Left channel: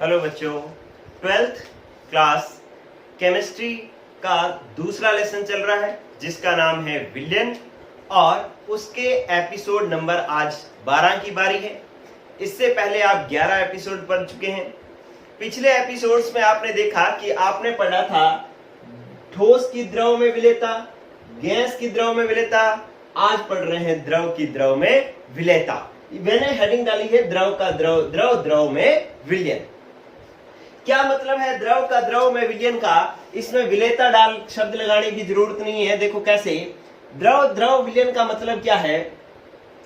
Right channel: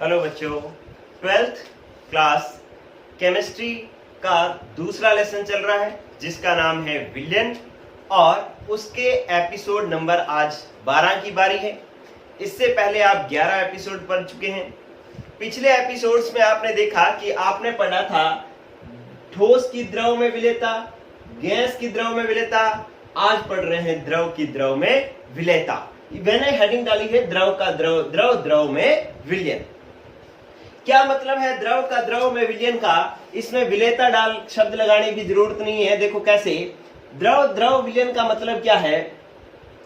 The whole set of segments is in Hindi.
हेलो बच्चों, ट्वेल्थ क्लास केमिस्ट्री का दूसरा लेसन चल रहा है जिसका नाम है विलयन और उसके एपिसोड नंबर आज 12 की बारी है। इससे पहले आप 11 एपिसोड पढ़ चुके हैं। पिछले एपिसोड्स में आपने देखा कि आपने पढ़ा था ठोस की द्रव में विलेयता, गैस की द्रव में विलेयता। आज पढ़ रहे हैं द्रव की द्रव में विलेयता। मैंने हेडिंग डाली है द्रव का द्रव, द्रव द्रव में विलयन। क्या मतलब है द्रव का द्रव में विलयन का? इसमें विलेयता डाल शब्द लगाने की जरूरत नहीं है। देखो कैसे, द्रव द्रव विलयन का मतलब क्या है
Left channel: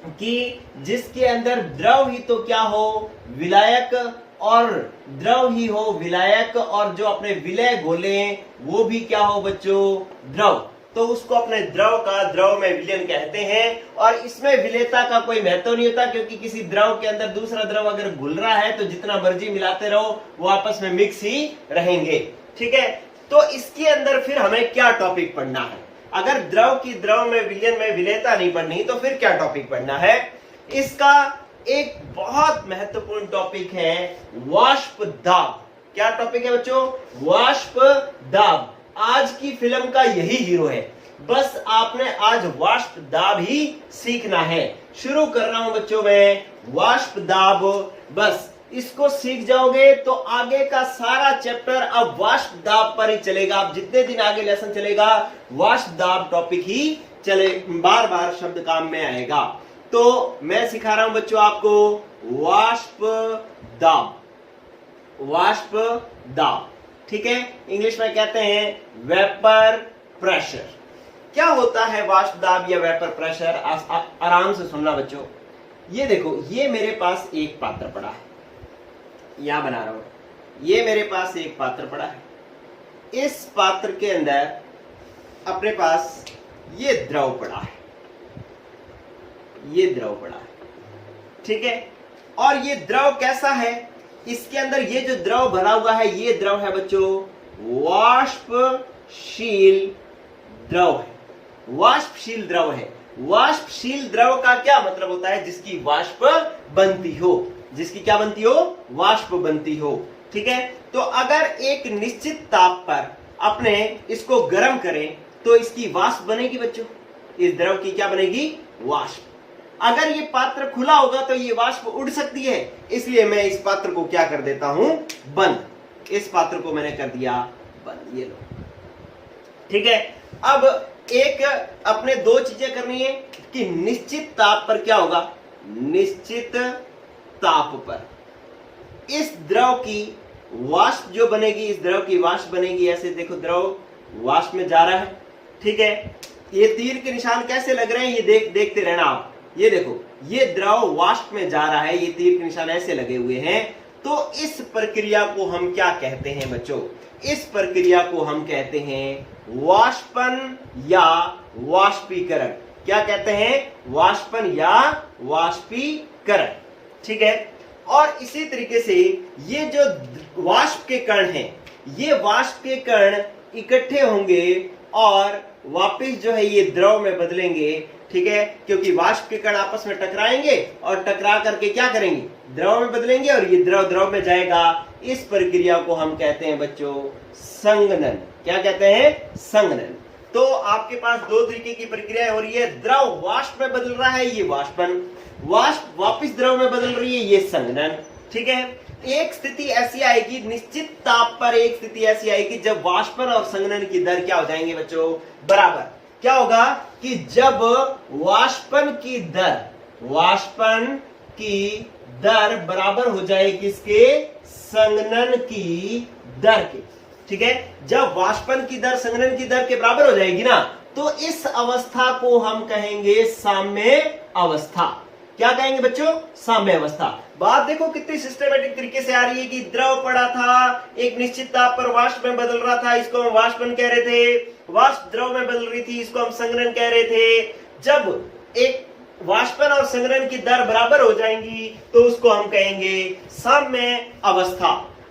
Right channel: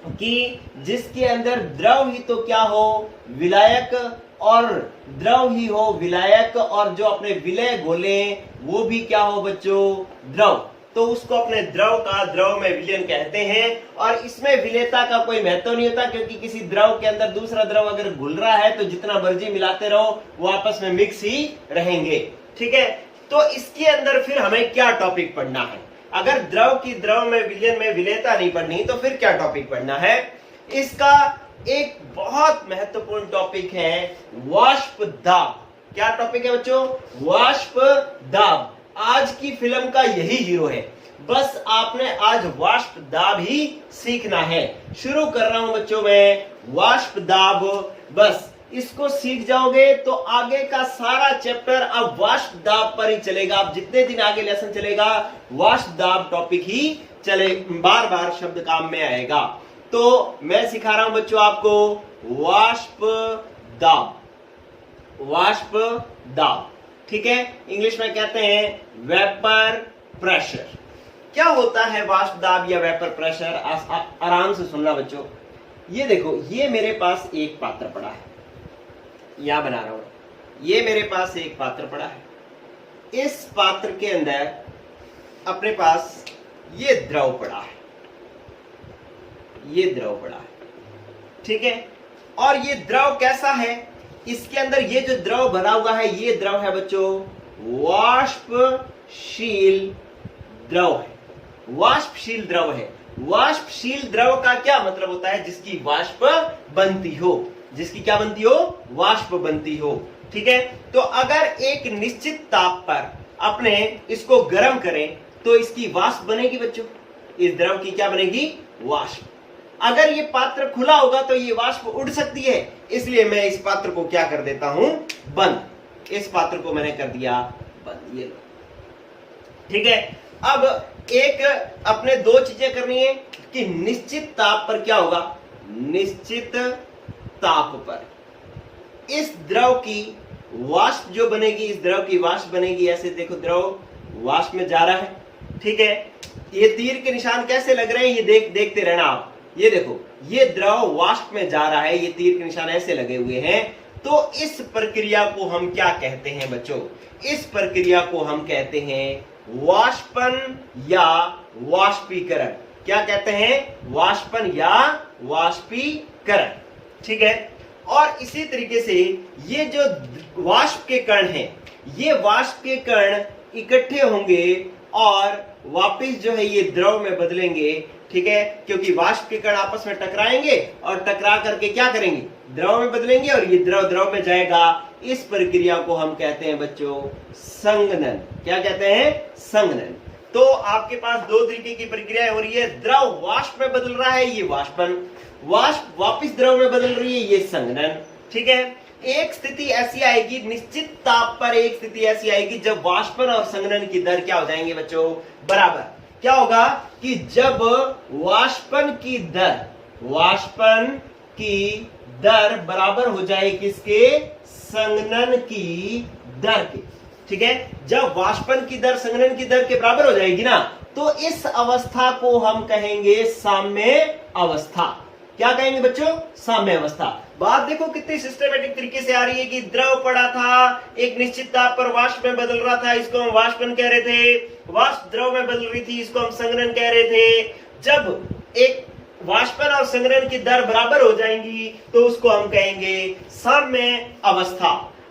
कि जिसके अंदर द्रव ही तो क्या हो, विलायक, और द्रव ही हो विलायक, और जो अपने विलय घोले वो भी क्या हो बच्चों, द्रव। तो उसको अपने द्रव का द्रव में विलयन कहते हैं। और इसमें विलेयता का कोई महत्व नहीं होता, क्योंकि किसी द्रव के अंदर दूसरा द्रव अगर घुल रहा है तो जितना मर्जी मिलाते रहो वो आपस में मिक्स ही रहेंगे। ठीक है, तो इसके अंदर फिर हमें क्या टॉपिक पढ़ना है? अगर द्रव की द्रव में विलयन में विलेयता नहीं पढ़नी तो फिर क्या टॉपिक पढ़ना है? इसका एक बहुत महत्वपूर्ण टॉपिक है वाष्प दाब। क्या टॉपिक है बच्चों? वाष्प दाब। आज की फिल्म का यही हीरो है। बस आपने आज वाष्प दाब ही सीखना है। शुरू कर रहा हूं बच्चों में वाष्प दाब। बस इसको सीख जाओगे तो आगे का सारा चैप्टर अब वाष्प दाब पर ही चलेगा। अब जितने दिन आगे लेसन चलेगा वाष्प दाब टॉपिक ही चले, बार बार शब्द काम में आएगा। तो मैं सिखा रहा हूं बच्चों आपको वाष्प दाब। वाष्प दाब, ठीक है, इंग्लिश में कहते हैं वेपर प्रेशर। क्या होता है वाष्प दाब या वेपर प्रेशर? आराम से सुनना बच्चों। ये देखो, ये मेरे पास एक पात्र पड़ा है, यहां बना रहा हूं। ये मेरे पास एक पात्र पड़ा है। इस पात्र के अंदर अपने पास ये द्रव पड़ा है, ये द्रव पड़ा है, ठीक है। और ये द्रव कैसा है? इसके अंदर ये जो द्रव भरा हुआ है ये द्रव है बच्चों वाष्पशील द्रव है। वाष्पशील द्रव है। वाष्पशील द्रव का क्या मतलब होता है? जिसकी वाष्प बनती हो। जिसकी क्या बनती हो? वाष्प बनती हो। ठीक है, तो अगर एक निश्चित ताप पर अपने इसको गर्म करें तो इसकी वाष्प बनेगी बच्चों। इस द्रव की क्या बनेगी? वाष्प। अगर ये पात्र खुला होगा तो ये वाष्प उड़ सकती है, इसलिए मैं इस पात्र को क्या कर देता हूं? बंद। इस पात्र को मैंने कर दिया बंद। ये ठीक है। अब एक अपने दो चीजें करनी है कि निश्चित ताप पर क्या होगा? निश्चित ताप पर इस द्रव की वाष्प जो बनेगी, इस द्रव की वाष्प बनेगी। ऐसे देखो, द्रव वाष्प में जा रहा है, ठीक है। ये तीर के निशान कैसे लग रहे हैं ये देखते रहना आप। ये देखो, ये द्रव वाष्प में जा रहा है, ये तीर के निशान ऐसे लगे हुए हैं। तो इस प्रक्रिया को हम क्या कहते हैं बच्चों? इस प्रक्रिया को हम कहते हैं वाष्पन या वाष्पीकरण। क्या कहते हैं? वाष्पन या वाष्पीकरण, ठीक है। और इसी तरीके से ये जो वाष्प के कण हैं, ये वाष्प के कण इकट्ठे होंगे और वापिस जो है ये द्रव में बदलेंगे, ठीक है, क्योंकि वाष्प के कण आपस में टकराएंगे और टकरा करके क्या करेंगे? द्रव में बदलेंगे और ये द्रव द्रव में जाएगा। इस प्रक्रिया को हम कहते हैं बच्चों संघनन। क्या कहते हैं? संघनन। तो आपके पास दो तरीके की प्रक्रिया हो रही है। द्रव वाष्प में बदल रहा है, ये वाष्पन। वाष्प वापिस द्रव में बदल रही है, ये संघनन, ठीक है। एक स्थिति ऐसी आएगी, निश्चित ताप पर एक स्थिति ऐसी आएगी जब वाष्पन और संघनन की दर क्या हो जाएंगे बच्चों? बराबर। क्या होगा कि जब वाष्पन की दर बराबर हो जाए किसके? संघनन की दर के, ठीक है। जब वाष्पन की दर संघनन की दर के बराबर हो जाएगी ना, तो इस अवस्था को हम कहेंगे साम्य अवस्था। क्या कहेंगे बच्चों? साम्य अवस्था। बात देखो कितनी सिस्टमेटिक तरीके से आ रही है कि द्रव पड़ा था, एक निश्चित ताप पर वाष्प में बदल रहा था, इसको हम वाष्पन कह रहे थे। वाष्प द्रव में बदल रही थी, इसको हम संघनन कह रहे थे। जब एक वाष्पन और संघनन की दर बराबर हो जाएंगी तो उसको हम कहेंगे साम्य अवस्था।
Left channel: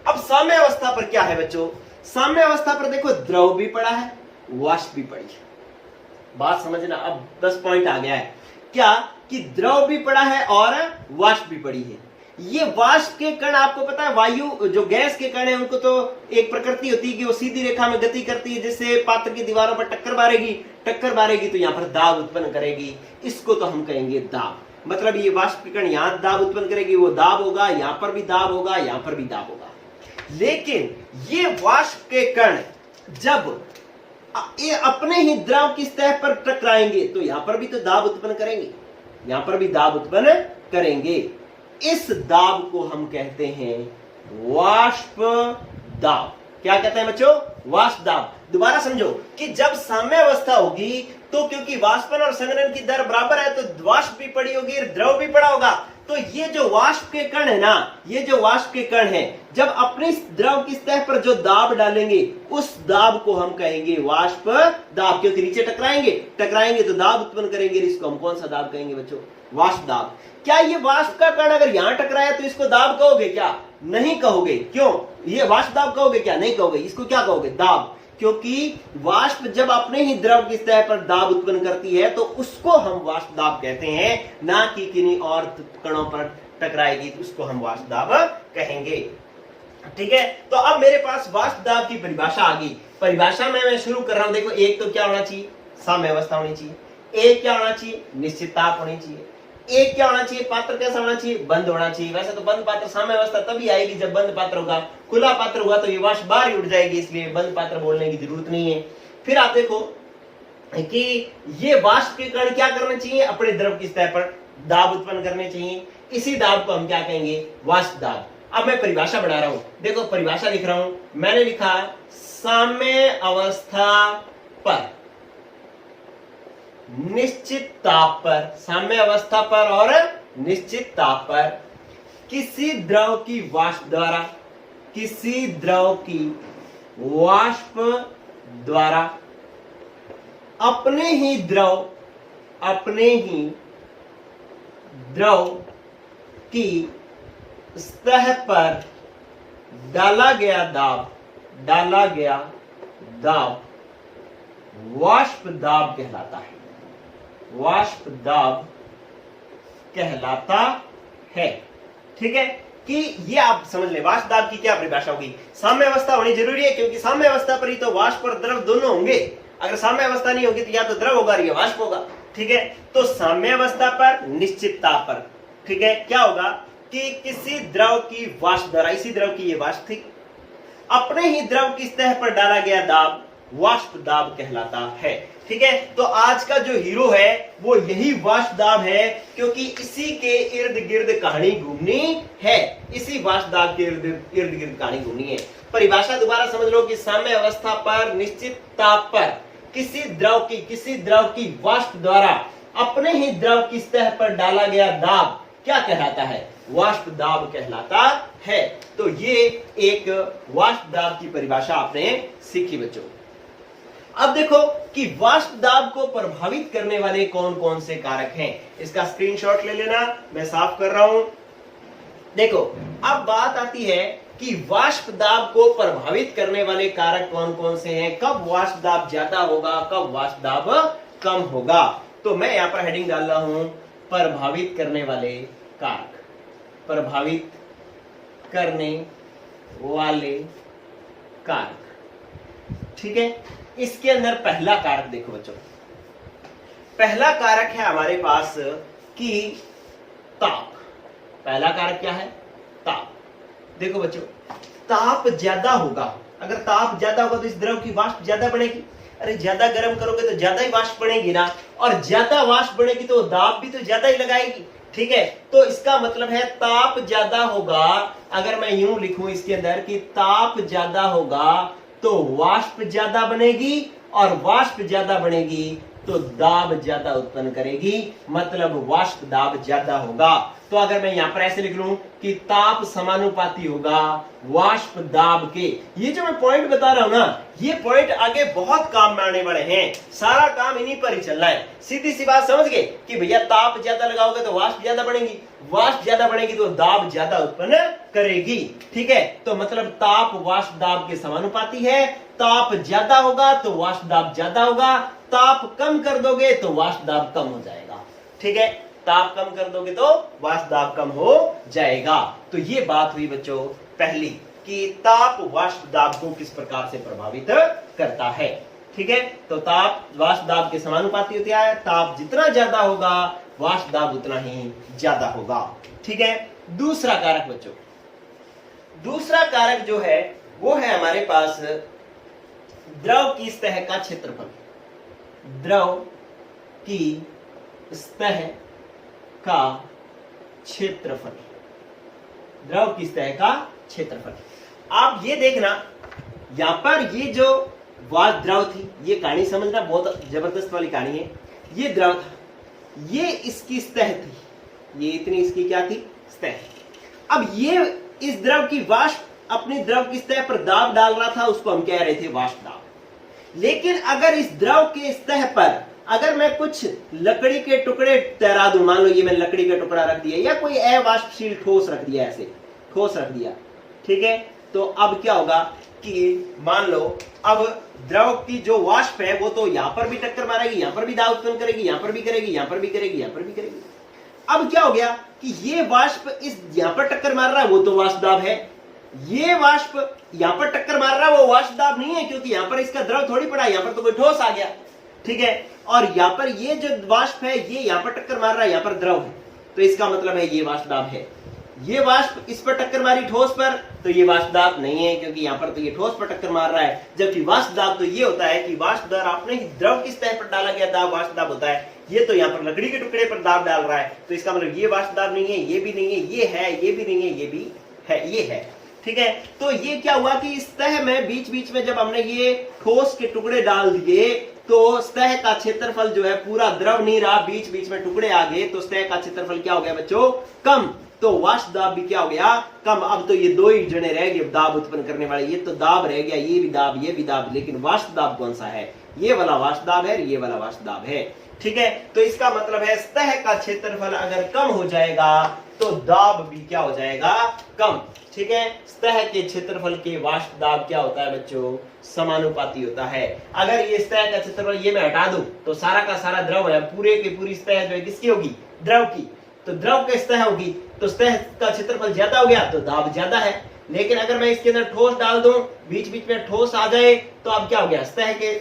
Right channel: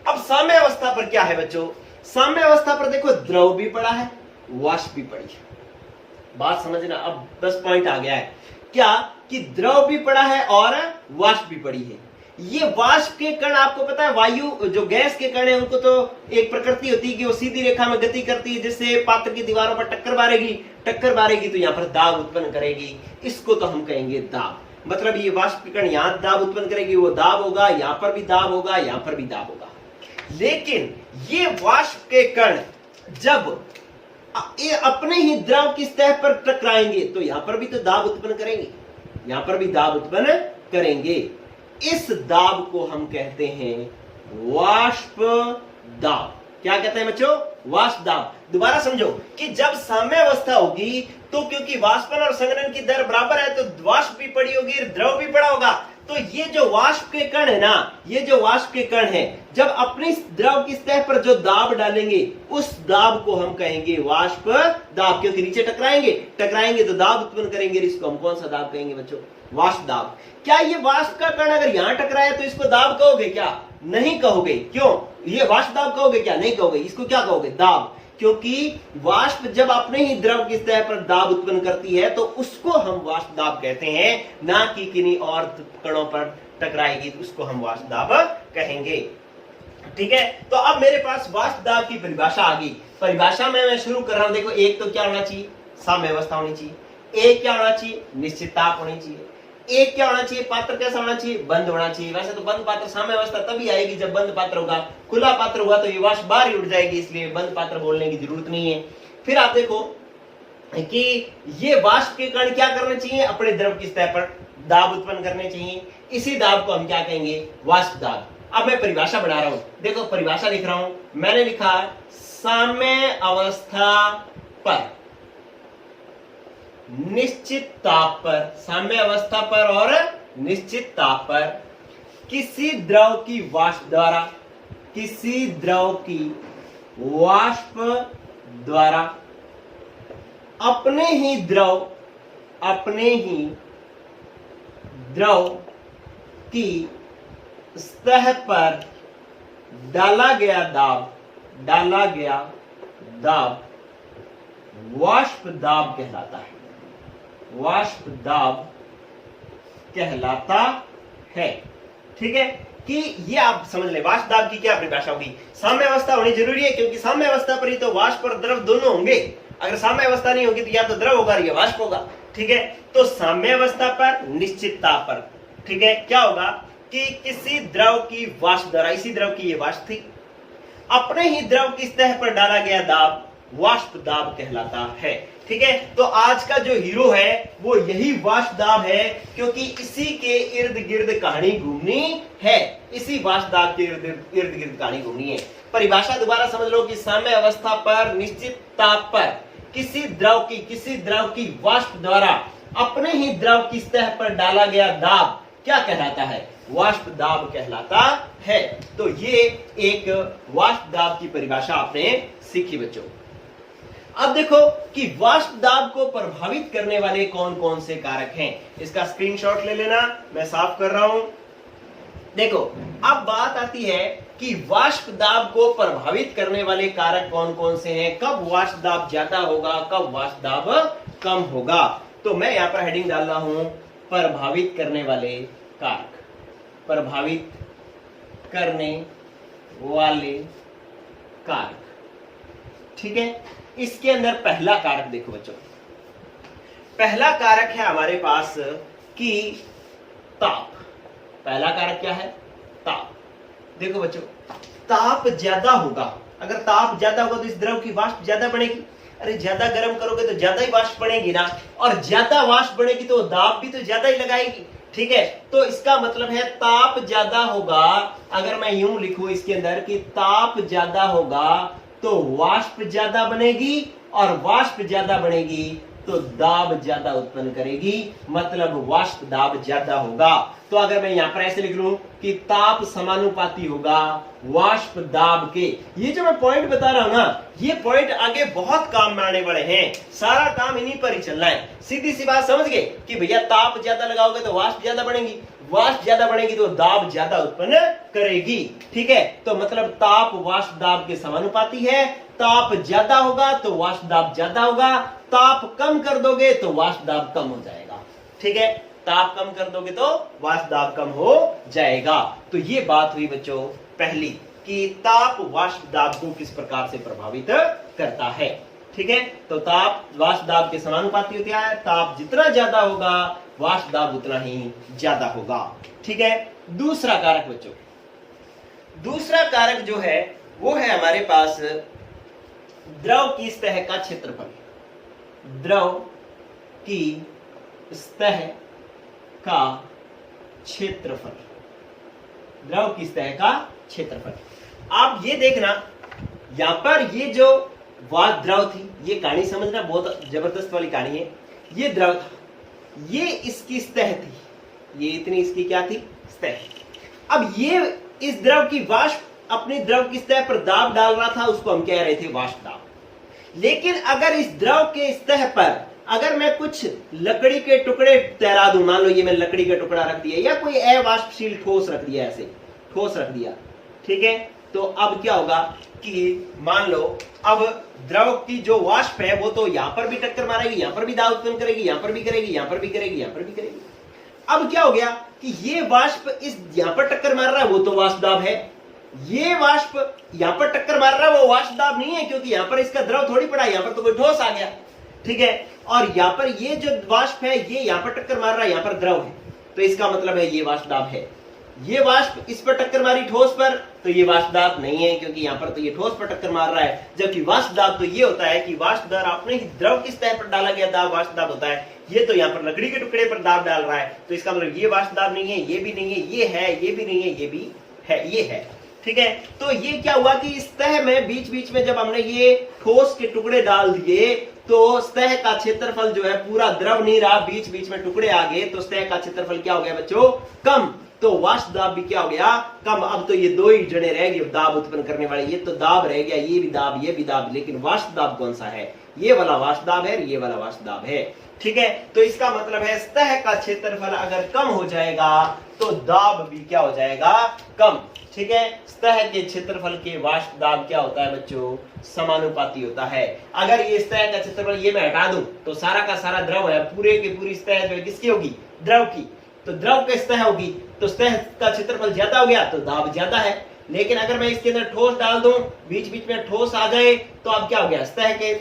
अब साम्य अवस्था पर क्या है बच्चों? साम्य अवस्था पर देखो, द्रव भी पड़ा है, वाष्प भी पड़ी है। बात समझना, अब 10 पॉइंट आ गया है। क्या कि द्रव भी पड़ा है और वाष्प भी पड़ी है। ये वाष्प के कण, आपको पता है वायु जो गैस के कण है उनको तो एक प्रकृति होती है कि वो सीधी रेखा में गति करती है, जिससे पात्र की दीवारों पर टक्कर मारेगी तो यहाँ पर दाब उत्पन्न करेगी, इसको तो हम कहेंगे दाब। मतलब ये वाष्प के कण यहाँ दाब उत्पन्न करेगी, वो दाब होगा, यहाँ पर भी दाब होगा, यहाँ पर भी दाब होगा। लेकिन ये वाष्प के कण जब ये अपने ही द्रव की सतह पर टकराएंगे तो यहां पर भी तो दाब उत्पन्न करेंगे, यहां पर भी दाब उत्पन्न करेंगे। इस दाब को हम कहते हैं वाष्प दाब। क्या कहते हैं बच्चों? वाष्प दाब। दोबारा समझो कि जब साम्य अवस्था होगी तो क्योंकि वाष्पन और संघनन की दर बराबर है तो वाष्प भी पड़ी होगी, द्रव भी पड़ा होगा। तो ये जो वाष्प के कण है ना, ये जो वाष्प के कण है, जब अपनी द्रव की सतह पर जो दाब डालेंगे उस दाब को हम कहेंगे वाष्प दाब, क्योंकि नीचे टकराएंगे तो दाब उत्पन्न करेंगे। इसको हम कौन सा दाब कहेंगे बच्चों? वाष्प दाब। क्या ये वाष्प का कण अगर यहां टकराया तो इसको दाब कहोगे क्या? नहीं कहोगे। क्यों? ये वाष्प दाब कहोगे क्या? नहीं कहोगे। इसको क्या कहोगे? दाब। क्योंकि वाष्प जब अपने ही द्रव की सतह पर दाब उत्पन्न करती है तो उसको हम वाष्प दाब कहते हैं, ना कि किन्हीं और कणों पर टकराएगी तो उसको हम वाष्प दाब कहेंगे। ठीक है, तो अब मेरे पास वाष्प दाब की परिभाषा आ गई। परिभाषा में मैं शुरू कर रहा हूं। देखो, एक तो क्या होना चाहिए? साम्य अवस्था होनी चाहिए। एक क्या होना चाहिए? निश्चित ताप होनी चाहिए। एक क्या होना चाहिए? पात्र कैसा होना चाहिए? बंद होना चाहिए। वैसे तो बंद पात्र साम्य अवस्था तभी आएगी जब बंद पात्र होगा। खुला पात्र हुआ तो ये वाष्प बाहर ही उड़ जाएगी, इसलिए बंद पात्र बोलने की जरूरत नहीं है। फिर आप देखो कि ये वाष्प के कण क्या करने चाहिए? अपने द्रव की सतह पर दाब उत्पन्न करने चाहिए। इसी दाब को हम क्या कहेंगे? वाष्प दाब। अब मैं परिभाषा बना रहा हूं। देखो, परिभाषा लिख रहा हूं। मैंने लिखा साम्य अवस्था पर निश्चित ताप पर, साम्य अवस्था पर और निश्चित ताप पर किसी द्रव की वाष्प द्वारा, किसी द्रव की वाष्प द्वारा अपने ही द्रव की सतह पर डाला गया दाब वाष्प दाब कहलाता है। वाष्प दाब कहलाता है। ठीक है, कि ये आप समझ लें वाष्प दाब की क्या परिभाषा होगी। साम्य अवस्था होनी जरूरी है, क्योंकि साम्य अवस्था पर ही तो वाष्प और द्रव दोनों होंगे। अगर साम्य अवस्था नहीं होगी तो या तो द्रव होगा या वाष्प होगा। ठीक है, तो साम्य अवस्था पर निश्चित ताप पर, ठीक है, क्या होगा कि किसी द्रव की वाष्प द्वारा, इसी द्रव की ये वाष्प थी, अपने ही द्रव की सतह पर डाला गया दाब वाष्प दाब कहलाता है। ठीक है, तो आज का जो हीरो है वो यही वाष्प दाब है, क्योंकि इसी के इर्द गिर्द कहानी घूमनी है। इसी वाष्प दाब के इर्द गिर्द कहानी घूमनी है। परिभाषा दोबारा समझ लो कि साम्य अवस्था पर निश्चित ताप पर किसी द्रव की वाष्प द्वारा अपने ही द्रव की सतह पर डाला गया दाब क्या कहलाता है? वाष्प दाब कहलाता है। तो ये एक वाष्प दाब की परिभाषा आपने सीखी बच्चों। अब देखो कि वाष्प दाब को प्रभावित करने वाले कौन कौन से कारक हैं। इसका स्क्रीनशॉट ले लेना, मैं साफ कर रहा हूं। देखो, अब बात आती है कि वाष्प दाब को प्रभावित करने वाले कारक कौन कौन से हैं, कब वाष्प दाब ज्यादा होगा, कब वाष्प दाब कम होगा। तो मैं यहां पर हेडिंग डाल रहा हूं प्रभावित करने वाले कारक। प्रभावित करने वाले कारक। ठीक है, इसके अंदर पहला कारक देखो बच्चों, पहला कारक है हमारे पास कि ताप। पहला कारक क्या है? ताप। देखो बच्चों, ताप ज्यादा होगा। अगर ताप ज्यादा होगा तो इस द्रव की वाष्प ज्यादा बनेगी। अरे ज्यादा गर्म करोगे तो ज्यादा ही वाष्प बनेगी ना, और ज्यादा वाष्प बनेगी तो दाब भी तो ज्यादा ही लगाएगी। ठीक है, तो इसका मतलब है ताप ज्यादा होगा। अगर मैं यूं लिखूं इसके अंदर कि ताप ज्यादा होगा तो वाष्प ज्यादा बनेगी, और वाष्प ज्यादा बनेगी तो दाब ज्यादा उत्पन्न करेगी, मतलब वाष्प दाब ज्यादा होगा। तो अगर मैं यहां पर ऐसे लिख लूं कि ताप समानुपाती होगा वाष्प दाब के, ये जो मैं पॉइंट बता रहा हूं ना, ये पॉइंट आगे बहुत काम में आने वाले हैं। सारा काम इन्हीं पर ही चलना है। सीधी सी बात समझ गए कि भैया ताप ज्यादा लगाओगे तो वाष्प ज्यादा बढ़ेगी, वाष्प ज्यादा बढ़ेगी तो दाब ज्यादा उत्पन्न करेगी। ठीक है, तो मतलब ताप वाष्प दाब के समानुपाती है। ताप ज्यादा होगा तो वाष्प दाब ज्यादा होगा, ताप कम कर दोगे तो वाष्प दाब कम हो जाएगा। ठीक है, ताप कम कर दोगे तो वाष्प दाब कम हो जाएगा। तो ये बात हुई बच्चों पहली कि ताप वाष्प दाब को किस प्रकार से प्रभावित करता है। ठीक है, तो ताप वाष्प दाब के समानुपाती होता है। ताप जितना ज्यादा होगा वाष्प दाब उतना ही ज्यादा होगा। ठीक है, दूसरा कारक बच्चों, दूसरा कारक जो है वो है हमारे पास द्रव की सतह का क्षेत्रफल। द्रव की सतह का क्षेत्रफल, द्रव की सतह का क्षेत्रफल। आप ये देखना यहां पर ये जो वाष्प द्रव थी, ये कहानी समझना बहुत जबरदस्त वाली कहानी है। ये द्रव था, ये इसकी सतह थी, ये इतनी इसकी क्या थी, सतह। अब ये इस द्रव की वाष्प अपने द्रव की सतह पर दाब डाल रहा था, उसको हम कह रहे थे वाष्प दाब। लेकिन अगर इस द्रव के सतह पर अगर मैं कुछ लकड़ी के टुकड़े तैरा दूं, मान लो ये मैं लकड़ी का टुकड़ा रख दिया या कोई अवाष्पशील ठोस रख दिया, ऐसे ठोस रख दिया, ठीक है, तो अब क्या होगा कि मान लो अब द्रव की जो वाष्प है वो तो यहां पर भी टक्कर मारेगी, यहां पर भी दाब उत्पन्न करेगी, यहां पर भी करेगी, यहां पर भी करेगी, यहां पर भी करेगी। अब क्या हो गया कि ये वाष्प इस यहां पर टक्कर मार रहा है, वो तो वाष्प दाब है। ये वाष्प यहां पर टक्कर मार रहा है, वो वाष्प दाब नहीं है, क्योंकि यहां पर इसका द्रव थोड़ी पड़ा, यहां पर तो कोई ठोस आ गया। ठीक है, और यहां पर ये जो वाष्प है ये यहां पर टक्कर मार रहा है, यहां पर द्रव है, तो इसका मतलब है ये वाष्प दाब है। ये वाष्प इस पर टक्कर मारी ठोस पर, तो ये वाष्प दाब नहीं है, क्योंकि यहां पर तो ये ठोस पर टक्कर मार रहा है। जबकि वाष्प दाब तो ये होता है कि वाष्प दाब आपने द्रव की सतह पर डाला गया दाब वाष्प दाब होता है। ये तो यहाँ पर लकड़ी के टुकड़े पर दाब डाल रहा है, तो इसका मतलब ये वाष्प दाब नहीं है, ये भी नहीं है, ये है, ये भी नहीं है, ये भी है, ये है। ठीक है, तो ये क्या हुआ कि इस सतह में बीच बीच में जब हमने ये ठोस के टुकड़े डाल दिए तो सतह का क्षेत्रफल जो है पूरा द्रव नहीं रहा, बीच बीच में टुकड़े आ गए, तो सतह का क्षेत्रफल क्या हो गया बच्चों, कम। तो वाष्प दाब भी क्या हो गया, कम। अब तो ये दो ही जने रह गए दाब उत्पन्न करने वाले, ये तो दाब रह गया, ये भी दाब, ये भी दाब, लेकिन वाष्प दाब कौन सा है, ये वाला वाष्प दाब है, ये वाला वाष्प दाब है। ठीक है, तो इसका मतलब है सतह का क्षेत्रफल अगर कम हो जाएगा तो दाब भी क्या हो जाएगा, कम। ठीक है, सतह के क्षेत्रफल के वाष्प दाब क्या होता है बच्चों, समानुपाती होता है। अगर ये सतह का क्षेत्रफल ये मैं हटा दूं तो सारा का सारा द्रव है, पूरे की पूरी सतह जो है किसकी होगी, द्रव की, तो द्रव की सतह होगी, तो सतह का क्षेत्रफल ज्यादा हो गया तो दाब ज्यादा है। लेकिन अगर मैं इसके अंदर ठोस डाल दूं, बीच बीच में ठोस आ जाए, तो अब क्या हो गया, सतह के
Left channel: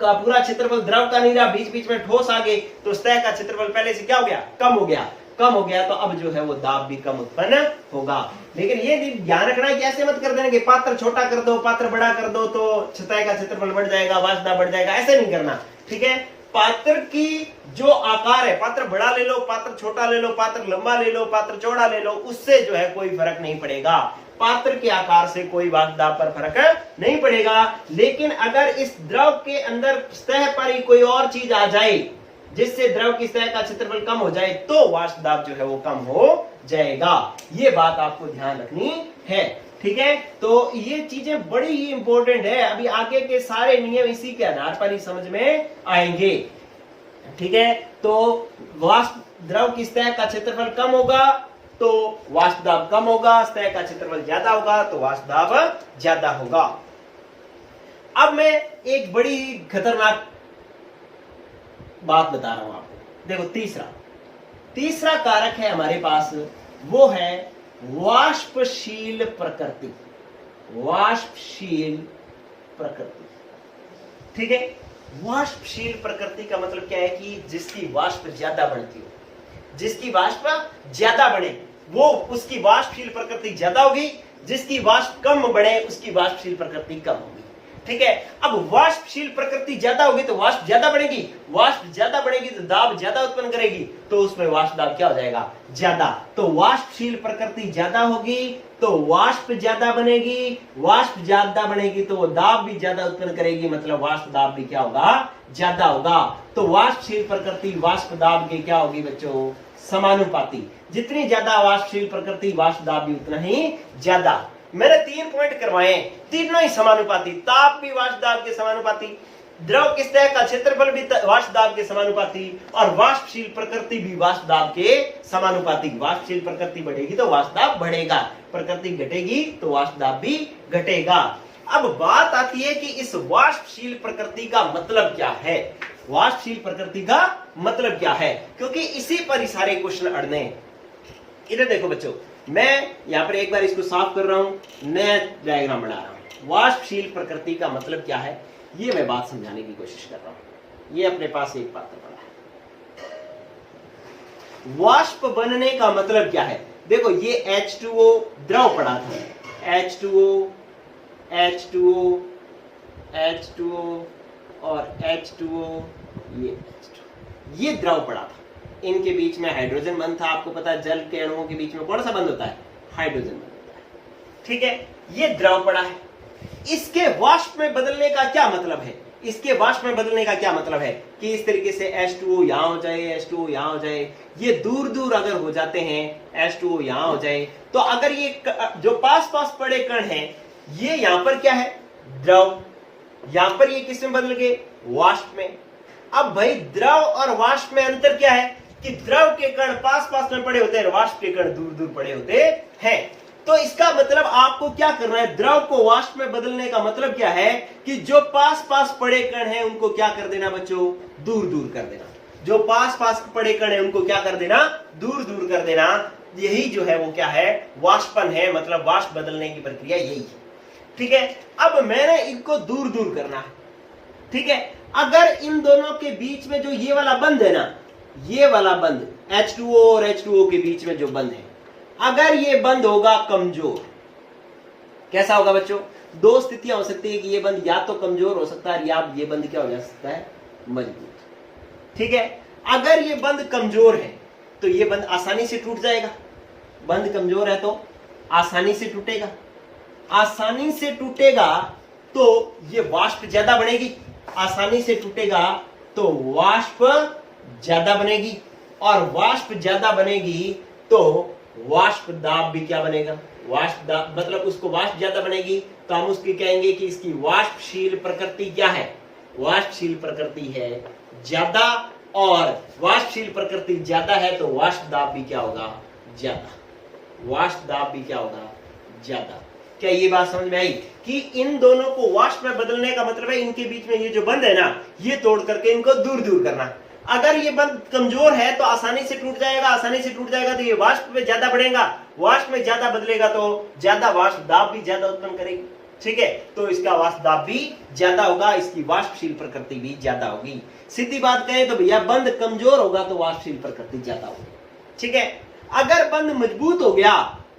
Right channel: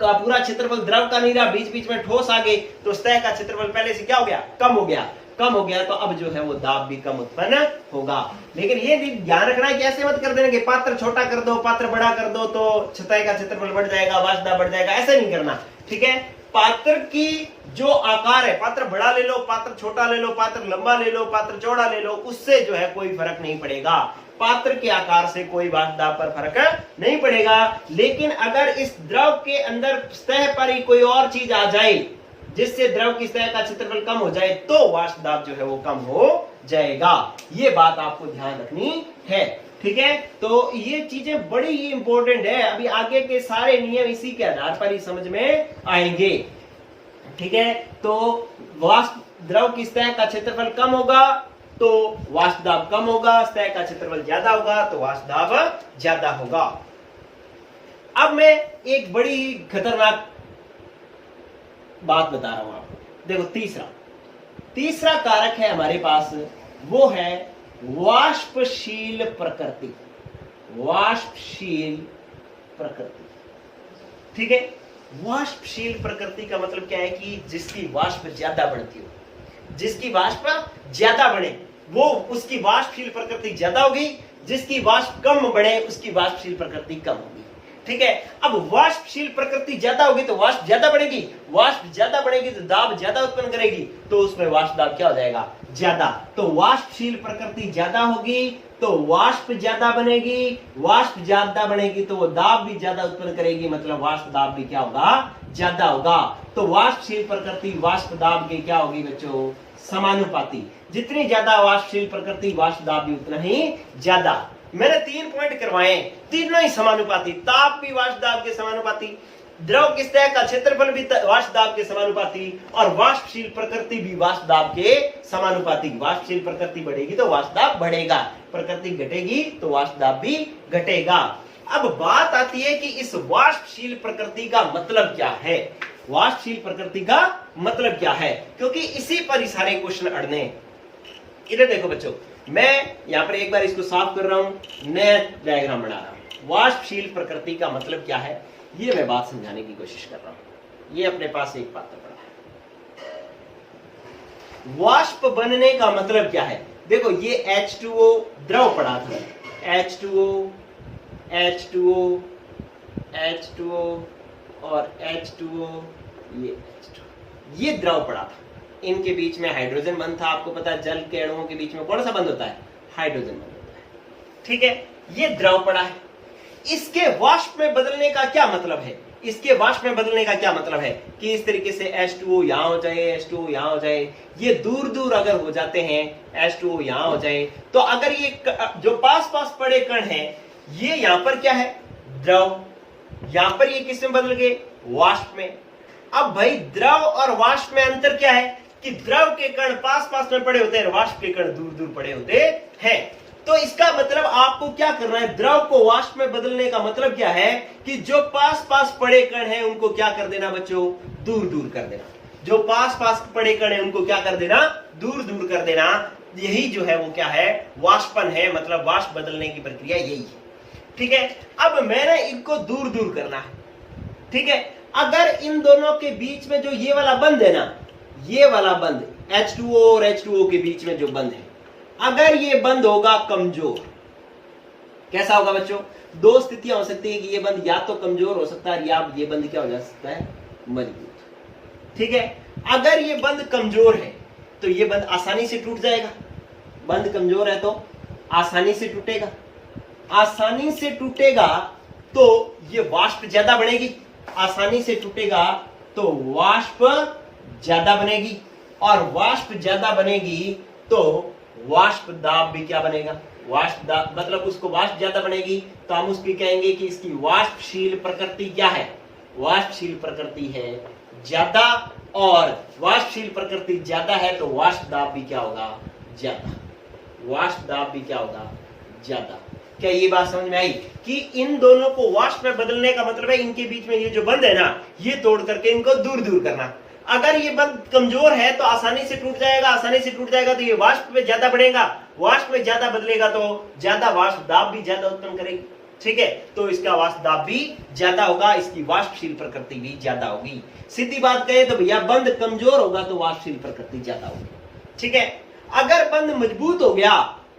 का पूरा क्षेत्रफल द्रव का नहीं रहा, बीच बीच में ठोस आ गए, तो सतह का क्षेत्रफल पहले से क्या हो गया, कम हो गया। कम हो गया तो अब जो है वो दाब भी कम उत्पन्न होगा। लेकिन ये ध्यान रखना है कि ऐसे मत कर देना कि पात्र छोटा कर दो, पात्र बड़ा कर दो तो सतह का क्षेत्रफल बढ़ जाएगा, वाष्प दाब बढ़ जाएगा, ऐसे नहीं करना। ठीक है, पात्र की जो आकार है, पात्र बड़ा ले लो, पात्र छोटा ले लो, पात्र लंबा ले लो, पात्र चौड़ा ले लो, उससे जो है कोई फर्क नहीं पड़ेगा। पात्र के आकार से कोई वाष्प दाब पर फर्क नहीं पड़ेगा। लेकिन अगर इस द्रव के अंदर सतह पर ही कोई और चीज आ जाए जिससे द्रव की सतह का क्षेत्रफल कम हो जाए तो वाष्प दाब जो है वो कम हो जाएगा। ये बात आपको ध्यान रखनी है। ठीक है, तो ये चीजें बड़ी ही इंपॉर्टेंट है, अभी आगे के सारे नियम इसी के आधार पर ही समझ में आएंगे। ठीक है, तो वाष्प द्रव की सतह का क्षेत्रफल कम होगा तो वाष्प दाब कम होगा, सतह का क्षेत्रफल ज्यादा होगा तो वाष्प दाब ज्यादा होगा। अब मैं एक बड़ी खतरनाक बात बता रहा हूं आपको। देखो, तीसरा कारक है हमारे पास, वो है वाष्पशील प्रकृति। वाष्पशील प्रकृति, ठीक है, वाष्पशील प्रकृति का मतलब क्या है कि जिसकी वाष्प ज्यादा बढ़ती हो, जिसकी वाष्प ज्यादा बढ़े वो उसकी वाष्पशील प्रकृति ज्यादा होगी, जिसकी वाष्प कम बढ़े उसकी वाष्पशील प्रकृति कम होगी। ठीक है, अब वाष्पशील प्रकृति ज्यादा होगी तो वाष्प ज्यादा बढ़ेगी, वाष्प ज्यादा बढ़ेगी तो दाब ज्यादा उत्पन्न करेगी, तो उसमें वाष्प दाब क्या हो जाएगा, ज्यादा। तो वाष्पशील प्रकृति ज्यादा होगी तो वाष्प ज्यादा बनेगी, वाष्प ज्यादा बनेगी तो वो दाब भी ज्यादा उत्पन्न करेगी, मतलब वाष्प दाब भी क्या होगा, ज्यादा होगा। तो वाष्पशील प्रकृति वाष्प दाब के क्या होगी बच्चों, समानुपाती। जितनी ज्यादा वाष्पशील प्रकृति वाष्प दाब भी उतना ही ज्यादा। मैंने 3 पॉइंट करवाए, तीनों ही समानुपाती, ताप भी वाष्प दाब के समानुपाती, द्रव की सतह का क्षेत्रफल भी वाष्प दाब के समानुपाती, और वाष्पशील प्रकृति भी वाष्प दाब के समानुपाती। वाष्पशील प्रकृति बढ़ेगी तो वाष्प दाब बढ़ेगा, प्रकृति घटेगी तो वाष्प दाब भी घटेगा। अब बात आती है कि इस वाष्पशील प्रकृति का मतलब क्या है। वाष्पशील प्रकृति का मतलब क्या है, क्योंकि इसी पर ही सारे क्वेश्चन अड़ने हैं। इधर देखो बच्चों, मैं यहां पर एक बार इसको साफ कर रहा हूं, नया डायग्राम बना रहा हूं। वाष्पशील प्रकृति का मतलब क्या है, ये मैं बात समझाने की कोशिश कर रहा हूं। ये अपने पास एक पात्र पड़ा है। वाष्प बनने का मतलब क्या है, देखो ये H2O द्रव पड़ा था, H2O H2O H2O और H2O, ये द्रव पड़ा था, इनके बीच में हाइड्रोजन बंध था। आपको पता है जल के अणुओं के बीच में कौन सा बंध होता है, हाइड्रोजन बंध होता है। ठीक है, ये द्रव पड़ा है। इसके वाष्प में बदलने का क्या मतलब है, इसके वाष्प में बदलने का क्या मतलब है कि इस तरीके से H2O यहां हो जाए, H2O यहां हो जाए, ये दूर दूर अगर हो जाते हैं, H2O यहां हो जाए, तो अगर ये जो पास पास पड़े कण हैं, ये यहां पर क्या है, द्रव, यहां पर ये किस में बदल गए, वाष्प में। अब भाई द्रव और वाष्प में अंतर क्या है कि द्रव के कण पास पास में पड़े होते हैं, वाष्प के कण दूर दूर पड़े होते हैं। तो इसका मतलब आपको क्या करना है, द्रव को वाष्प में बदलने का मतलब क्या है कि जो पास पास पड़े कण हैं उनको क्या कर देना बच्चों, दूर दूर कर देना। जो पास पास पड़े कण हैं उनको क्या कर देना, दूर दूर कर देना। यही जो है वो क्या है, वाष्पन है, मतलब वाष्प बदलने की प्रक्रिया यही है। ठीक है, अब मैंने इनको दूर दूर करना है। ठीक है, अगर इन दोनों के बीच में जो ये वाला बंध है ना, ये वाला बंध H2O और H2O के बीच में जो बंध है, अगर ये बंध होगा कमजोर, कैसा होगा बच्चों, दो स्थितियां हो सकती है कि ये बंध या तो कमजोर हो सकता है या ये बंध क्या हो जा सकता है, मजबूत। ठीक है, अगर ये बंध कमजोर है तो ये बंध आसानी से टूट जाएगा, बंध कमजोर है तो आसानी से टूटेगा, आसानी से टूटेगा तो ये वाष्प ज्यादा बनेगी, आसानी से टूटेगा तो वाष्प ज्यादा बनेगी, और वाष्प ज्यादा बनेगी तो वाष्प दाब भी क्या बनेगा, वाष्प दाब मतलब उसको वाष्प ज्यादा बनेगी तो हम उसकी कहेंगे कि इसकी वाष्पशील प्रकृति क्या है, वाष्पशील प्रकृति है ज्यादा, और वाष्पशील प्रकृति ज्यादा है तो वाष्प दाब भी क्या होगा, ज्यादा, वाष्प दाब भी क्या होगा, ज्यादा। क्या ये बात समझ में आई कि इन दोनों को वाष्प में बदलने का मतलब है इनके बीच में ये जो बंध है ना, ये तोड़ करके इनको दूर दूर करना। अगर ये बंध कमजोर है तो आसानी से टूट जाएगा, आसानी से टूट जाएगा तो ये वाष्प में ज्यादा बढ़ेगा, वाष्प में ज्यादा बदलेगा तो ज्यादा वाष्प दाब भी ज्यादा उत्पन्न करेगी। ठीक है, तो इसका वाष्प दाब भी ज्यादा होगा, इसकी वाष्पशील प्रकृति भी ज्यादा होगी। सीधी बात कहें तो भैया बंध कमजोर होगा तो वाष्पशील प्रकृति ज्यादा होगी। ठीक है, अगर बंध मजबूत हो गया,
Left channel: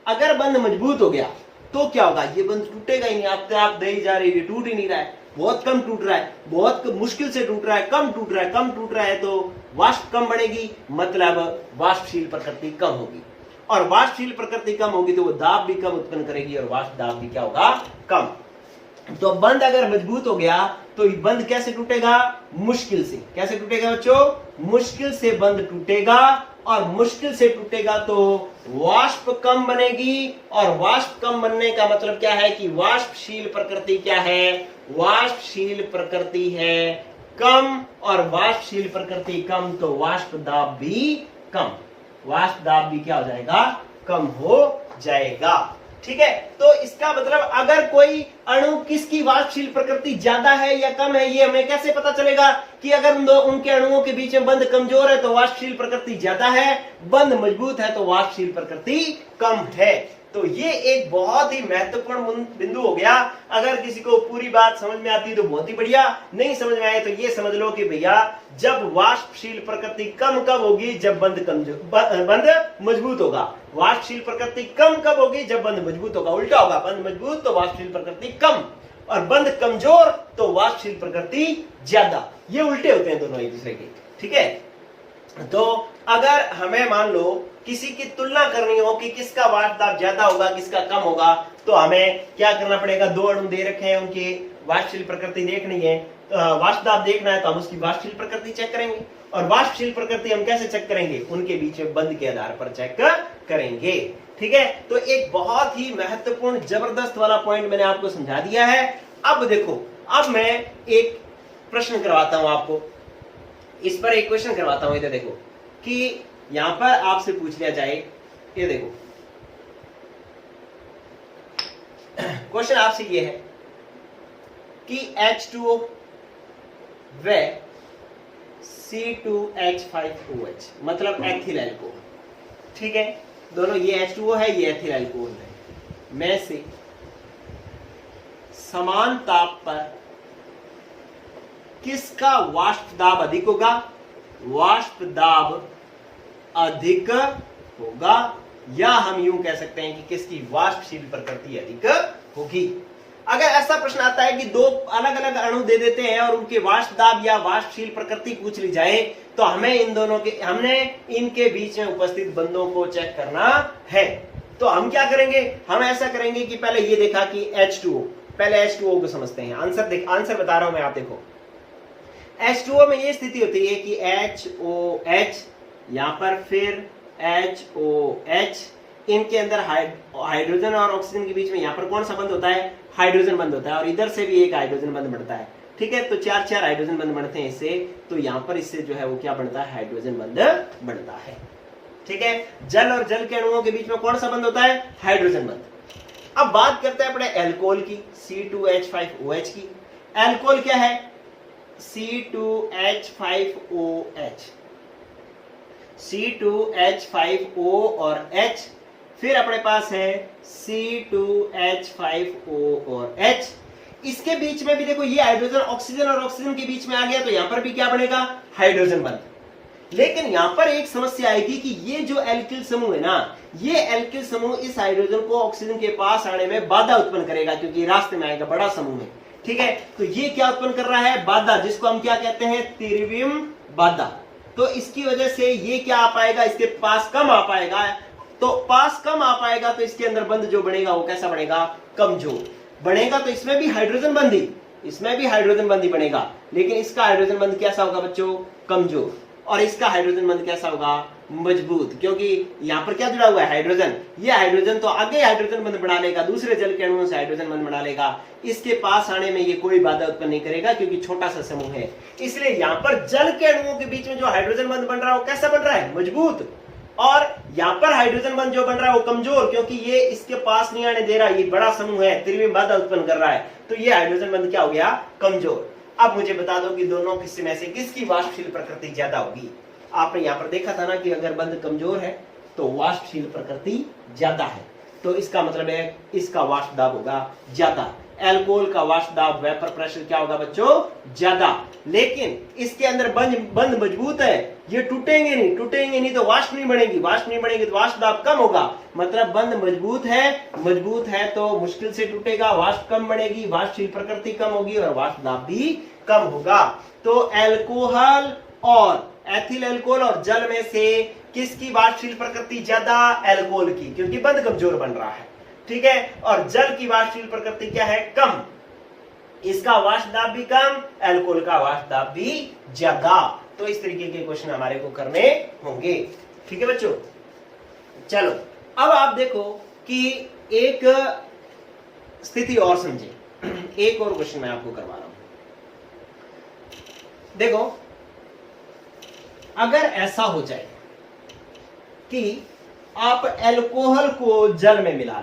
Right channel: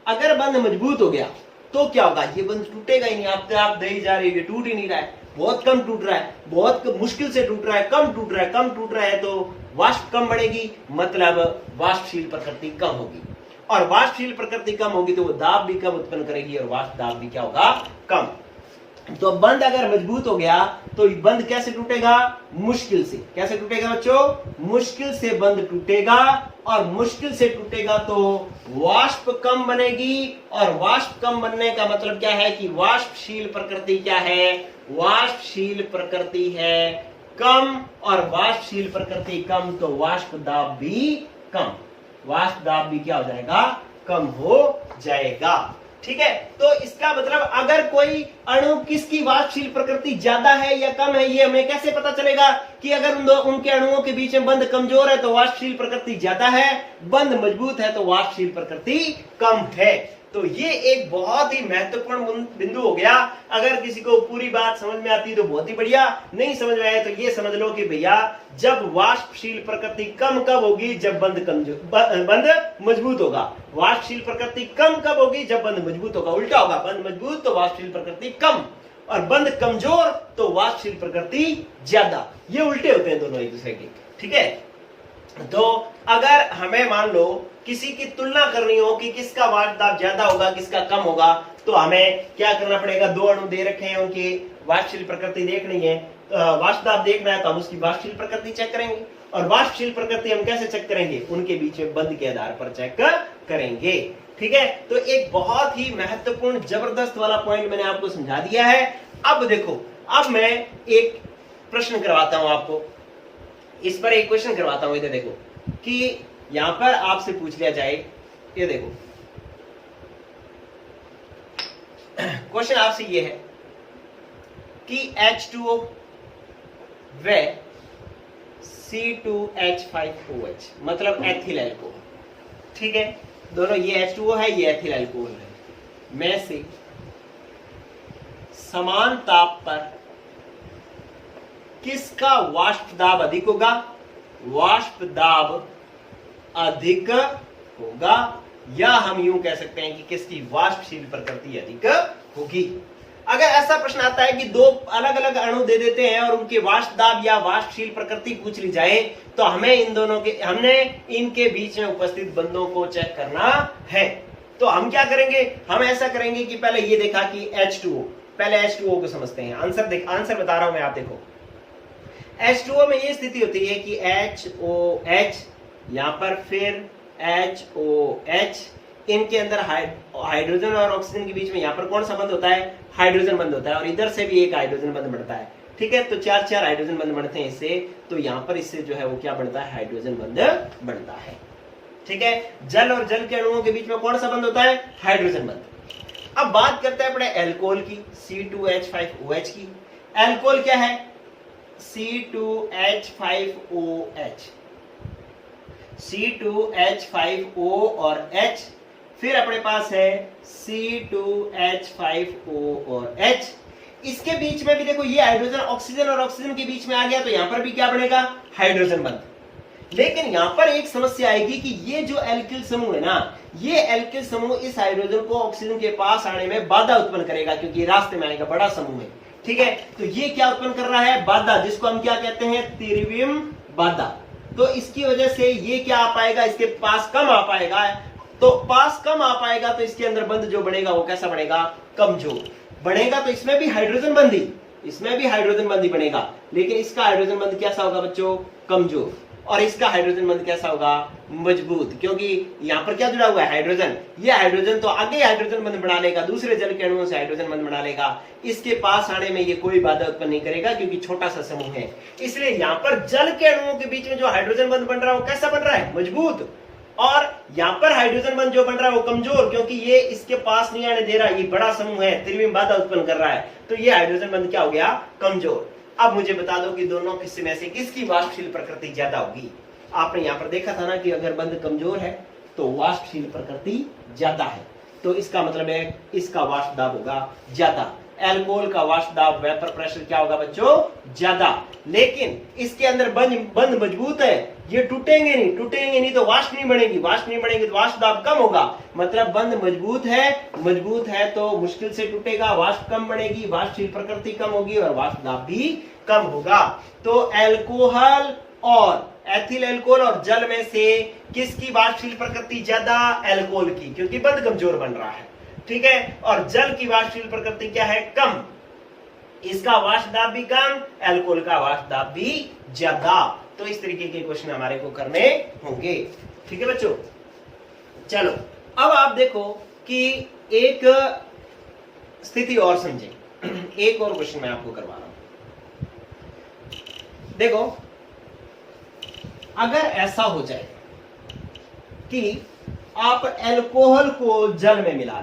अगर बंध मजबूत हो गया तो क्या होगा, ये बंध टूटेगा ही नहीं, आप दही जा रही है, टूट ही नहीं रहा है, बहुत कम टूट रहा है, बहुत मुश्किल से टूट रहा है, कम टूट रहा है, कम टूट रहा है, तो वाष्प कम बढ़ेगी, मतलब वाष्पशील प्रकृति कम होगी, और वाष्पशील प्रकृति कम होगी तो वो दाब भी कम उत्पन्न करेगी और वाष्प दाब भी क्या होगा, कम। तो बंध अगर मजबूत हो गया तो बंध कैसे टूटेगा, मुश्किल से। कैसे टूटेगा बच्चों, मुश्किल से बंध टूटेगा, और मुश्किल से टूटेगा तो वाष्प कम बनेगी, और वाष्प कम बनने का मतलब क्या है कि वाष्पशील प्रकृति क्या है, वाष्पशील प्रकृति है कम, और वाष्पशील प्रकृति कम तो वाष्प दाब भी कम, वाष्प दाब भी क्या हो जाएगा, कम हो जाएगा। ठीक है, तो इसका मतलब अगर कोई अणु किसकी वाष्पशील प्रकृति ज्यादा है या कम है, ये हमें कैसे पता चलेगा कि अगर उनके अणुओं के बीच में बंध कमजोर है तो वाष्पशील प्रकृति ज्यादा है, बंध मजबूत है तो वाष्पशील प्रकृति कम है। तो ये एक बहुत ही महत्वपूर्ण बिंदु हो गया। अगर किसी को पूरी बात समझ में आती है तो बहुत ही बढ़िया, नहीं समझ में आए तो ये समझ लो कि भैया जब वाष्पशील प्रकृति कम कब होगी, जब बंध मजबूत होगा। वाष्पशील प्रकृति कम कब होगी, जब बंध मजबूत होगा। उल्टा होगा, बंध मजबूत तो वाष्पशील प्रकृति कम, और बंध कमजोर तो वाष्पशील प्रकृति ज्यादा। ये उल्टे होते हैं दोनों एक दूसरे के। ठीक है, तो अगर हमें मान लो किसी की तुलना करनी हो कि किसका वाष्प दाब ज्यादा होगा, किसका कम होगा, तो हमें क्या करना पड़ेगा, दो अणु दे रखे हैं, उनकी वाष्पशील प्रकृति देखनी है, तो वाष्प दाब देखना है तो हम उसकी वाष्पशील प्रकृति चेक करेंगे, और वाष्पशील प्रकृति हम कैसे चेक करेंगे, उनके बीच में बंध के आधार पर चेक करेंगे। ठीक है, तो एक बहुत ही महत्वपूर्ण जबरदस्त वाला पॉइंट मैंने आपको समझा दिया है। अब देखो, अब मैं एक प्रश्न करवाता हूं आपको, इस पर एक क्वेश्चन करवाता हूं। इधर देखो कि यहां पर आपसे पूछ लिया जाए, ये देखो क्वेश्चन आपसे ये है कि H2O व C2H5OH मतलब एथिल एल्कोहल। ठीक है, दोनों ये H2O है, ये एथिल एल्कोहल है, में से समान ताप पर किसका वाष्प दाब अधिक होगा? वाष्प दाब अधिक होगा, या हम यूं कह सकते हैं कि किसकी वाष्पशील प्रकृति अधिक होगी। अगर ऐसा प्रश्न आता है कि दो अलग अलग अणु दे देते हैं और उनके वाष्प दाब या वाष्पशील प्रकृति पूछ ली जाए, तो हमने इनके बीच में उपस्थित बंधों को चेक करना है। तो हम क्या करेंगे? हम ऐसा करेंगे कि पहले ये देखा कि H2O, पहले H2O को समझते हैं। आंसर बता रहा हूं मैं, आप देखो। H2O में ये स्थिति होती है कि HOH, यहां पर फिर HOH, इनके अंदर हाइड्रोजन और ऑक्सीजन के बीच में यहां पर कौन सा बंध होता है? हाइड्रोजन बंध होता है, और इधर से भी एक हाइड्रोजन बंध बनता है। ठीक है, तो चार हाइड्रोजन बंध बनते हैं इससे, तो यहां पर इससे जो है वो क्या बनता है? हाइड्रोजन बंध बनता है। ठीक है, जल और जल के अणुओं के बीच में कौन सा बंध होता है? हाइड्रोजन बंध। अब बात करते हैं अपने एल्कोहल की, C2H5OH की। एल्कोहल क्या है? C2H5OH, C2H5O और H, फिर अपने पास है C2H5O और H। इसके बीच में भी देखो, ये हाइड्रोजन ऑक्सीजन और ऑक्सीजन के बीच में आ गया, तो यहां पर भी क्या बनेगा? हाइड्रोजन बंध। लेकिन यहां पर एक समस्या आएगी कि ये जो एल्किल समूह है ना, ये एल्किल समूह इस हाइड्रोजन को ऑक्सीजन के पास आने में बाधा उत्पन्न करेगा, क्योंकि रास्ते में आएगा, बड़ा समूह है। ठीक है, तो ये क्या उत्पन्न कर रहा है? बाधा, जिसको हम क्या कहते हैं? त्रिविम बाधा। तो इसकी वजह से ये क्या आ पाएगा? इसके पास कम आ पाएगा। तो पास कम आ पाएगा, तो इसके अंदर बंध जो बनेगा वो कैसा बनेगा? कमजोर बनेगा। तो इसमें भी हाइड्रोजन बंध ही, बनेगा, लेकिन इसका हाइड्रोजन बंध कैसा होगा बच्चों? कमजोर। और इसका हाइड्रोजन बंध कैसा होगा? मजबूत, क्योंकि यहां पर क्या जुड़ा हुआ है? हाइड्रोजन। ये हाइड्रोजन तो आगे हाइड्रोजन बंध बना लेगा, दूसरे जल के अणुओं से हाइड्रोजन बंध बना लेगा, इसके पास आने में ये कोई बाधा उत्पन्न नहीं करेगा, क्योंकि छोटा सा समूह है। इसलिए यहां पर जल के अणुओं के बीच में जो हाइड्रोजन बंध बन रहा है वो कैसा बन रहा है? मजबूत। और यहां पर हाइड्रोजन बंध जो बन रहा है वो कमजोर, क्योंकि ये इसके पास नहीं आने दे रहा है, ये बड़ा समूह है, त्रिविम बाधा उत्पन्न कर रहा है, तो ये हाइड्रोजन बंध क्या हो गया? कमजोर। अब मुझे बता दो कि दोनों किस्से में से किसकी वाष्पशील प्रकृति ज्यादा होगी? आपने यहां पर देखा था ना कि अगर बंध कमजोर है तो वाष्पशील प्रकृति ज्यादा है, तो इसका मतलब है इसका वाष्प दाब होगा ज्यादा। एल्कोहल का वाष्प दाब, वेपर प्रेशर क्या होगा बच्चों? ज्यादा। लेकिन इसके अंदर बंध मजबूत है, ये टूटेंगे नहीं तो वाष्प नहीं बनेगी तो वाष्प दाब कम होगा। मतलब बंध मजबूत है तो मुश्किल से टूटेगा, वाष्प कम बनेगी, वाष्पशील प्रकृति कम होगी और वाष्प दाब भी कम होगा। तो एल्कोहल और एथिल एल्कोहल और जल में से किसकी वाष्पशील प्रकृति ज्यादा? एल्कोहल की, क्योंकि बंध कमजोर बन रहा है। ठीक है, और जल की वाष्पशील प्रकृति क्या है? कम। इसका वाष्प दाब भी कम, एल्कोहल का वाष्प दाब भी ज्यादा। तो इस तरीके के क्वेश्चन हमारे को करने होंगे। ठीक है बच्चों, चलो अब आप देखो कि एक स्थिति और समझे। एक और क्वेश्चन मैं आपको करवा रहा हूं। देखो, अगर ऐसा हो जाए कि आप अल्कोहल को जल में मिला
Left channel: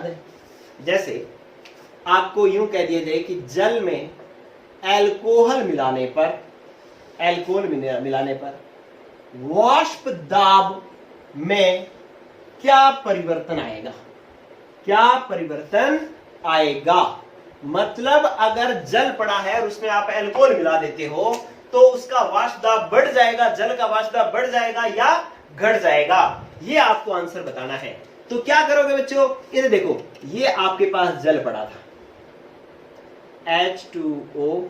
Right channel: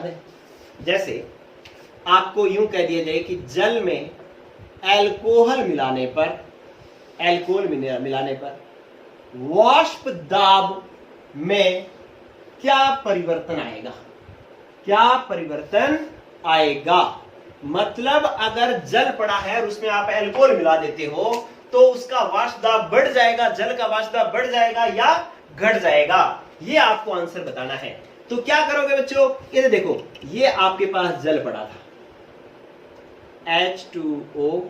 दें, जैसे आपको यूं कह दिया जाए कि जल में अल्कोहल मिलाने पर वाष्प दाब में क्या परिवर्तन आएगा? मतलब अगर जल पड़ा है और उसमें आप अल्कोहल मिला देते हो तो उसका वाष्प दाब बढ़ जाएगा, जल का वाष्प दाब बढ़ जाएगा या घट जाएगा? ये आपको आंसर बताना है। तो क्या करोगे बच्चों? ये देखो, ये आपके पास जल पड़ा था, H2O,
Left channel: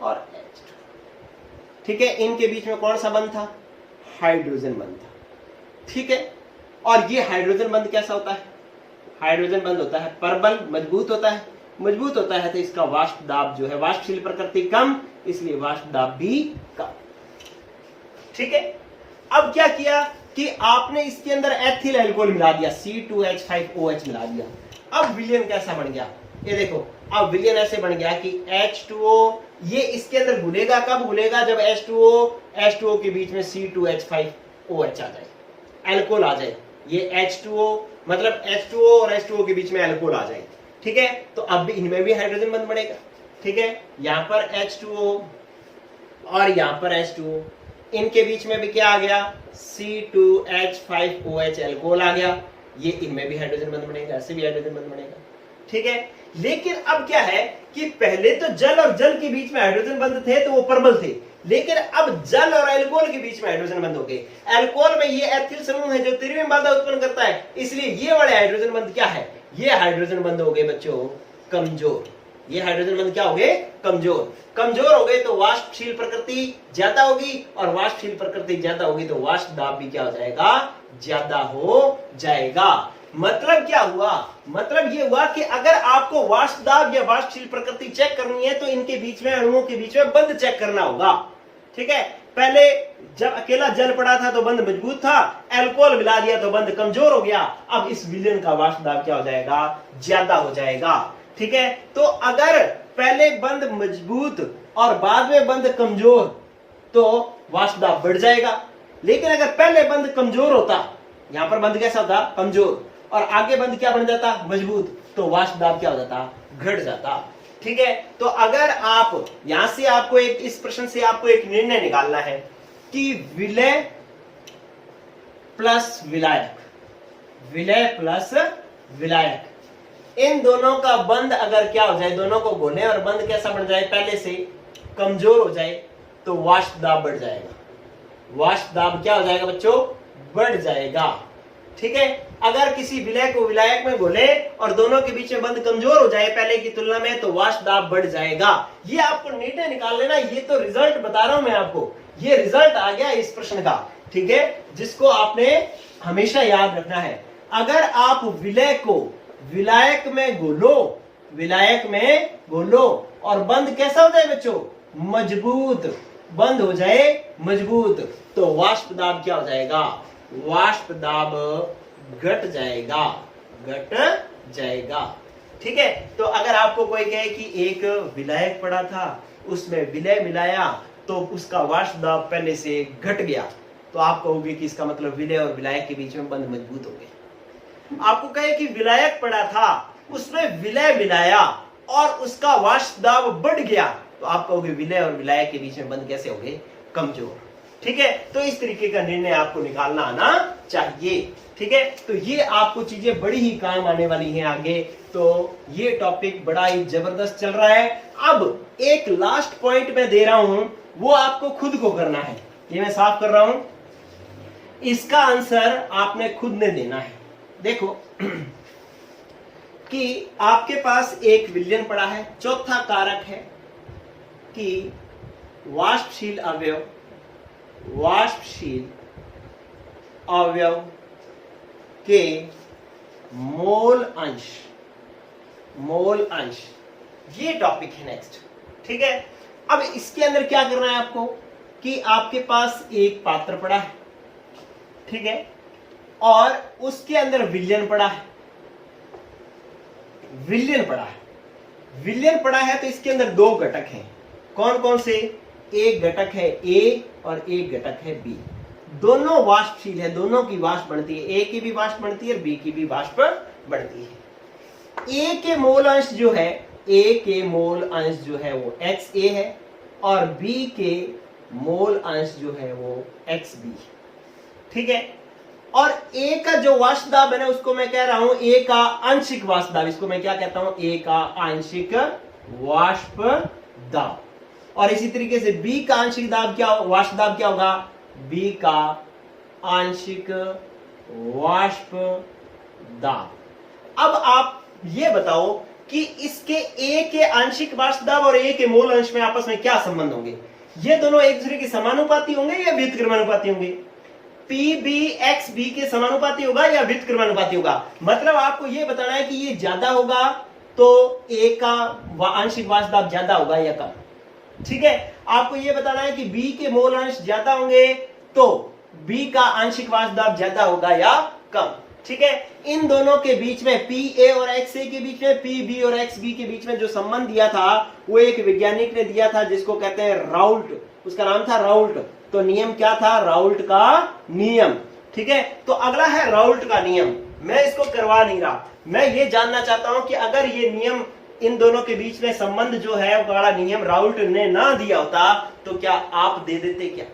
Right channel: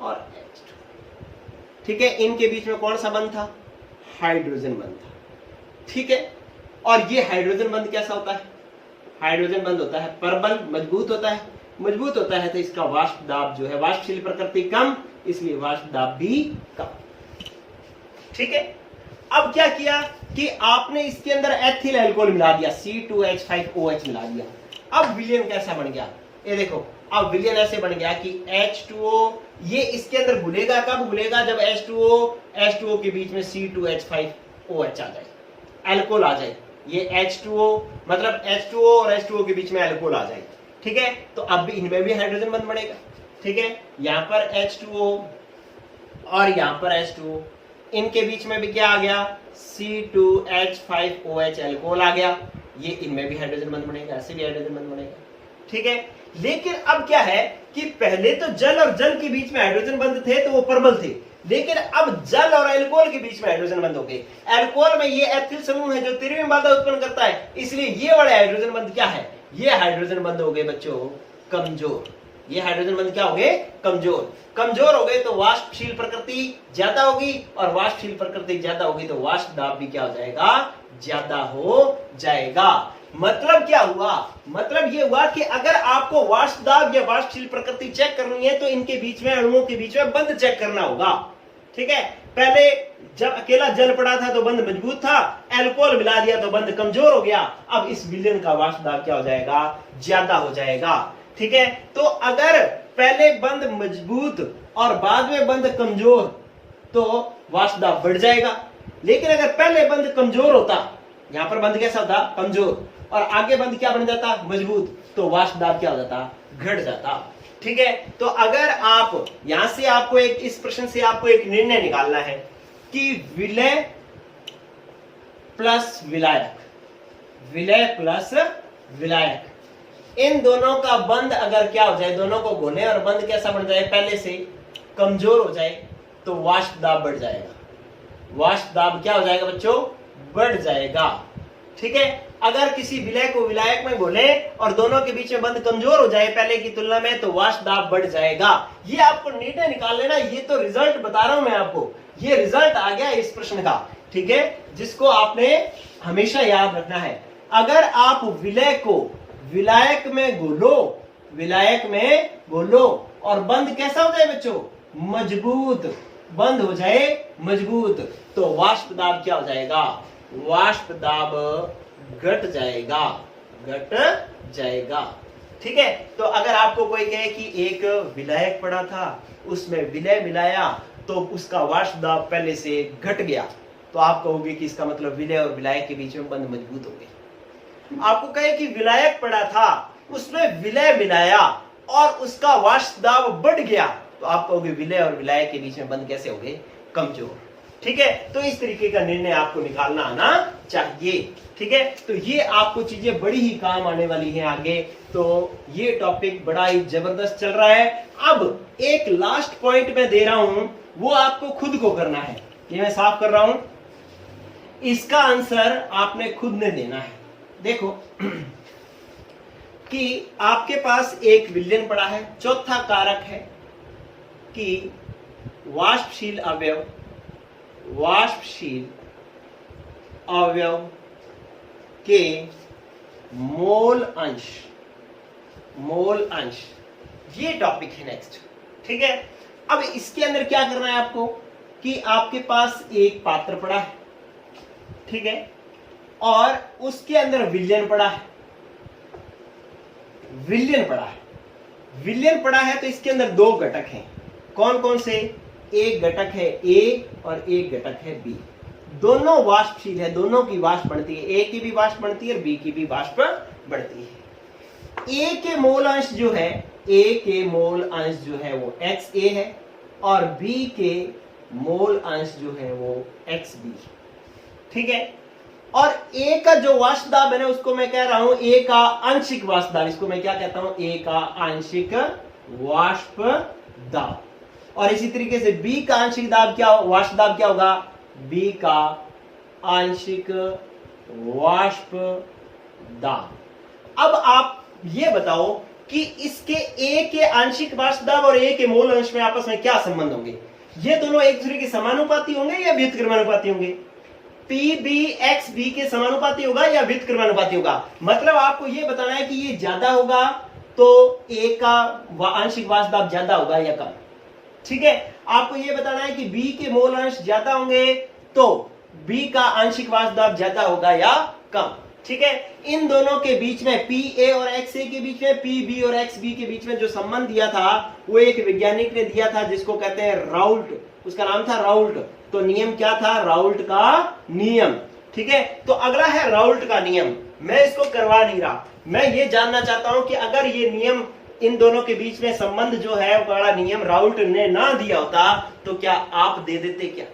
और H2। ठीक है, इनके बीच में कौन सा बंध था? हाइड्रोजन बंध था। ठीक है, और ये हाइड्रोजन बंध कैसा होता है? हाइड्रोजन बंध होता है प्रबल, मजबूत होता है, तो इसका वाष्प दाब जो है, वाष्पशील प्रकृति कम, इसलिए वाष्प दाब भी कम। ठीक है, अब क्या किया कि आपने इसके अंदर एथिल अल्कोहल मिला दिया, C2H5OH मिला दिया। अब विलयन कैसा बन गया? ये देखो, अब विलयन ऐसे बन गया कि H2O, ये इसके अंदर घुलेगा। कब घुलेगा? जब H2O के बीच में C2H5OH आ जाए, अल्कोहल आ जाए। ये H2O मतलब H2O और H2O के बीच में अल्कोहल आ जाए। ठीक है, तो अब भी इनमें भी हाइड्रोजन बंध बनेगा। ठीक है, यहां पर H2O और यहां पर H2O, इनके बीच में भी क्या आ गया, C2H5OH एल्कोहल आ गया, ये इनमें भी हाइड्रोजन बंध बनेगा, ऐसे भी हाइड्रोजन बंध बनेगा। ठीक है, लेकिन अब क्या है कि पहले तो जल और जल के बीच में हाइड्रोजन बंध थे तो वो परमल थे, लेकिन अब जल और अल्कोहल के बीच में हाइड्रोजन बंध हो गए। अल्कोहल में ये एथिल समूह है जो त्रिविम बाधा उत्पन्न करता है, इसलिए ये वाले हाइड्रोजन बंध क्या है, ये हाइड्रोजन बंध हो गए बच्चों कमजोर। ये हाइड्रोजन बंध क्या हो गए, कमजोर। कमजोर हो गए तो वाष्पशील प्रकृति ज्यादा होगी, और वाष्पशील प्रकृति ज्यादा होगी तो वाष्प दाब भी क्या हो जाएगा, ज्यादा हो जाएगा। मतलब क्या हुआ, मतलब ये हुआ कि अगर आपको वाष्प दाब या वाष्पशील प्रकृति चेक करनी है तो इनके बीच में, अणुओं के बीच में बंध चेक करना होगा। ठीक है, पहले जब अकेला जल पड़ा था तो बंध मजबूत था, अल्कोहल मिला दिया तो बंध कमजोर हो गया। अब इस विलयन का वाष्प दाब क्या हो जाएगा, ज्यादा हो जाएगा। ठीक है, तो अगर पहले बंध मजबूत और बाद में बंध कमजोर तो वाष्प दाब बढ़ जाएगा, लेकिन अगर पहले बंध कमजोर होता, यहां पर बंध कैसा था, कमजोर, और आगे बंध क्या बन जाता, मजबूत, तो वाष्प दाब क्या हो जाता, घट जाता। ठीक है, तो अगर आप यहां से आपको एक, इस प्रश्न से आपको एक निर्णय निकालना है कि विलय प्लस विलायक, विलय प्लस विलायक, इन दोनों का बंध अगर क्या हो जाए, दोनों को घोले और बंध कैसा बन जाए, पहले से कमजोर हो जाए तो वाष्प दाब बढ़ जाएगा। वाष्प दाब क्या हो जाएगा बच्चों, बढ़ जाएगा। ठीक है, अगर किसी विलय को विलायक में घोले और दोनों के बीच में बंध कमजोर हो जाए पहले की तुलना में तो वाष्प दाब बढ़ जाएगा। ये आपको निर्णय निकाल लेना, ये तो रिजल्ट बता रहा हूं मैं आपको, ये रिजल्ट आ गया इस प्रश्न का। ठीक है, जिसको आपने हमेशा याद रखना है। अगर आप विलय को विलायक में घोलो, विलायक में घोलो और बंध कैसा हो जाए बच्चों, मजबूत, बंद हो जाए मजबूत, तो वाष्प दाब क्या हो जाएगा, वाष्प दाब घट जाएगा, घट जाएगा। ठीक है, तो अगर आपको कोई कहे कि एक विलायक पड़ा था उसमें विलय मिलाया तो उसका वाष्प दाब पहले से घट गया, तो आप कहोगे कि इसका मतलब विलय और विलायक के बीच में बंध मजबूत हो गए। आपको कहे कि विलायक पड़ा था उसमें विलय मिलाया और उसका वाष्प दाब बढ़ गया, तो आप कहोगे विलय और विलायक के बीच में बंध कैसे हो गए, कमजोर। ठीक है, तो इस तरीके का निर्णय आपको निकालना आना चाहिए। ठीक है, तो ये आपको चीजें बड़ी ही काम आने वाली हैं आगे, तो ये टॉपिक बड़ा ही जबरदस्त चल रहा है। अब एक लास्ट पॉइंट मैं दे रहा हूं, वो आपको खुद को करना है, ये मैं साफ कर रहा हूं, इसका आंसर आपने खुद ने देना है। देखो कि आपके पास एक विलयन पड़ा है, चौथा कारक है कि वाष्पशील अवयव, वाष्पशील अवयव के मोल अंश, मोल अंश, ये टॉपिक है नेक्स्ट। ठीक है, अब इसके अंदर क्या करना है आपको कि आपके पास एक पात्र पड़ा है, ठीक है, और उसके अंदर विलयन पड़ा है, विलयन पड़ा है, विलयन पड़ा है, तो इसके अंदर दो घटक हैं। कौन कौन से, एक घटक है ए और एक घटक है बी। दोनों वाष्पशील है, दोनों की वाष्प बढ़ती है, ए की भी वाष्प बढ़ती है और बी की भी वाष्प बढ़ती है। ए के मोल अंश जो है, ए के मोल अंश जो है वो XA है और बी के मोल अंश जो है वो XB। ठीक है, और ए का जो वाष्प दाब है ना, उसको मैं कह रहा हूं ए का आंशिक वाष्प दाब, इसको मैं क्या कहता हूं, ए का आंशिक वाष्प दाब। और इसी तरीके से बी का आंशिक दाब क्या, वाष्प दाब क्या होगा, बी का आंशिक वाष्प दाब। अब आप ये बताओ कि इसके ए के आंशिक वाष्प दाब और ए के मोल अंश में आपस में क्या संबंध होंगे, ये दोनों एक दूसरे के समानुपाती होंगे या व्युत्क्रमानुपाती होंगे, PBXB के समानुपाती होगा या व्युत्क्रमानुपाती होगा। मतलब आपको ये बताना है कि ये ज्यादा होगा तो ए का आंशिक वाष्प दाब ज्यादा होगा या कम। ठीक है, आपको ये बताना है कि बी के मोल अंश ज्यादा होंगे तो बी का आंशिक वाष्प दाब ज्यादा होगा या कम। ठीक है, इन दोनों के बीच में PA और XA के बीच में, PB और XB के बीच में जो संबंध दिया था वो एक वैज्ञानिक ने दिया था जिसको कहते हैं राउल्ट, उसका नाम था राउल्ट। तो नियम क्या था, राउल्ट का नियम। ठीक है, तो अगला है राउल्ट का नियम। मैं इसको करवा नहीं रहा। मैं ये जानना चाहता हूं कि अगर ये नियम, इन दोनों के बीच में संबंध जो है वो बड़ा नियम राउल्ट ने ना दिया होता तो क्या आप दे देते क्या?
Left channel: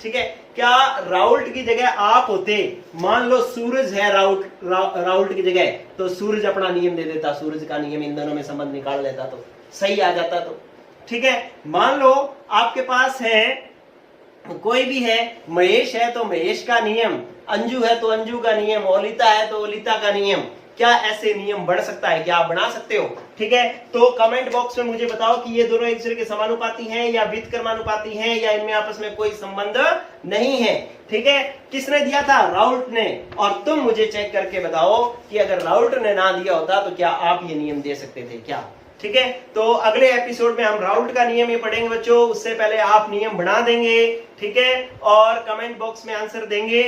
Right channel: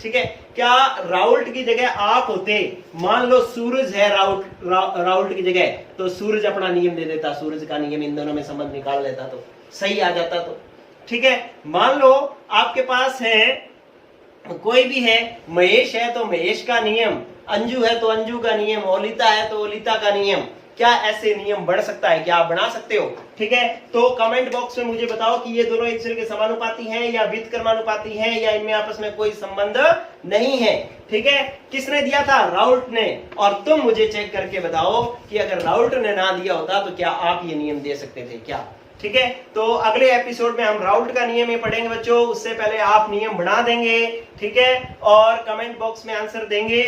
ठीक है, क्या राउल्ट की जगह आप होते? मान लो सूरज है राउल्ट की जगह, तो सूरज अपना नियम दे देता, सूरज का नियम इन दोनों में संबंध निकाल लेता तो सही आ जाता। तो ठीक है, मान लो आपके पास है, कोई भी है, महेश है तो महेश का नियम, अंजू है तो अंजू का नियम, ओलिता है तो ओलिता का नियम। क्या ऐसे नियम बढ़ सकता है? क्या आप बना सकते हो? ठीक है, तो कमेंट बॉक्स में मुझे बताओ कि ये दोनों एक दूसरे के समानुपाती हैं या व्युत्क्रमानुपाती हैं या इनमें आपस में कोई संबंध नहीं है। ठीक है, किसने दिया था? राउल्ट ने। और तुम मुझे चेक करके बताओ कि अगर राउल्ट ने ना दिया होता तो क्या आप ये नियम दे सकते थे क्या? ठीक है, तो अगले एपिसोड में हम राउल्ट का नियम ही पढ़ेंगे बच्चों, उससे पहले आप नियम बना देंगे। ठीक है, और कमेंट बॉक्स में आंसर देंगे।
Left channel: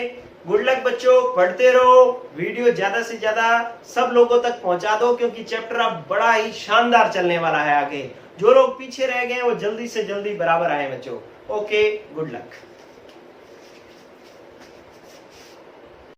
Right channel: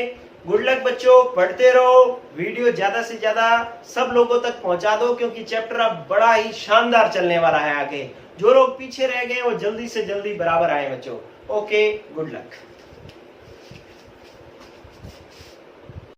गुड लक बच्चों, पढ़ते रहो, वीडियो ज्यादा से ज्यादा सब लोगों तक पहुंचा दो, क्योंकि चैप्टर अब बड़ा ही शानदार चलने वाला है आगे। जो लोग पीछे रह गए वो जल्दी से जल्दी बराबर आए बच्चों। Okay, good luck.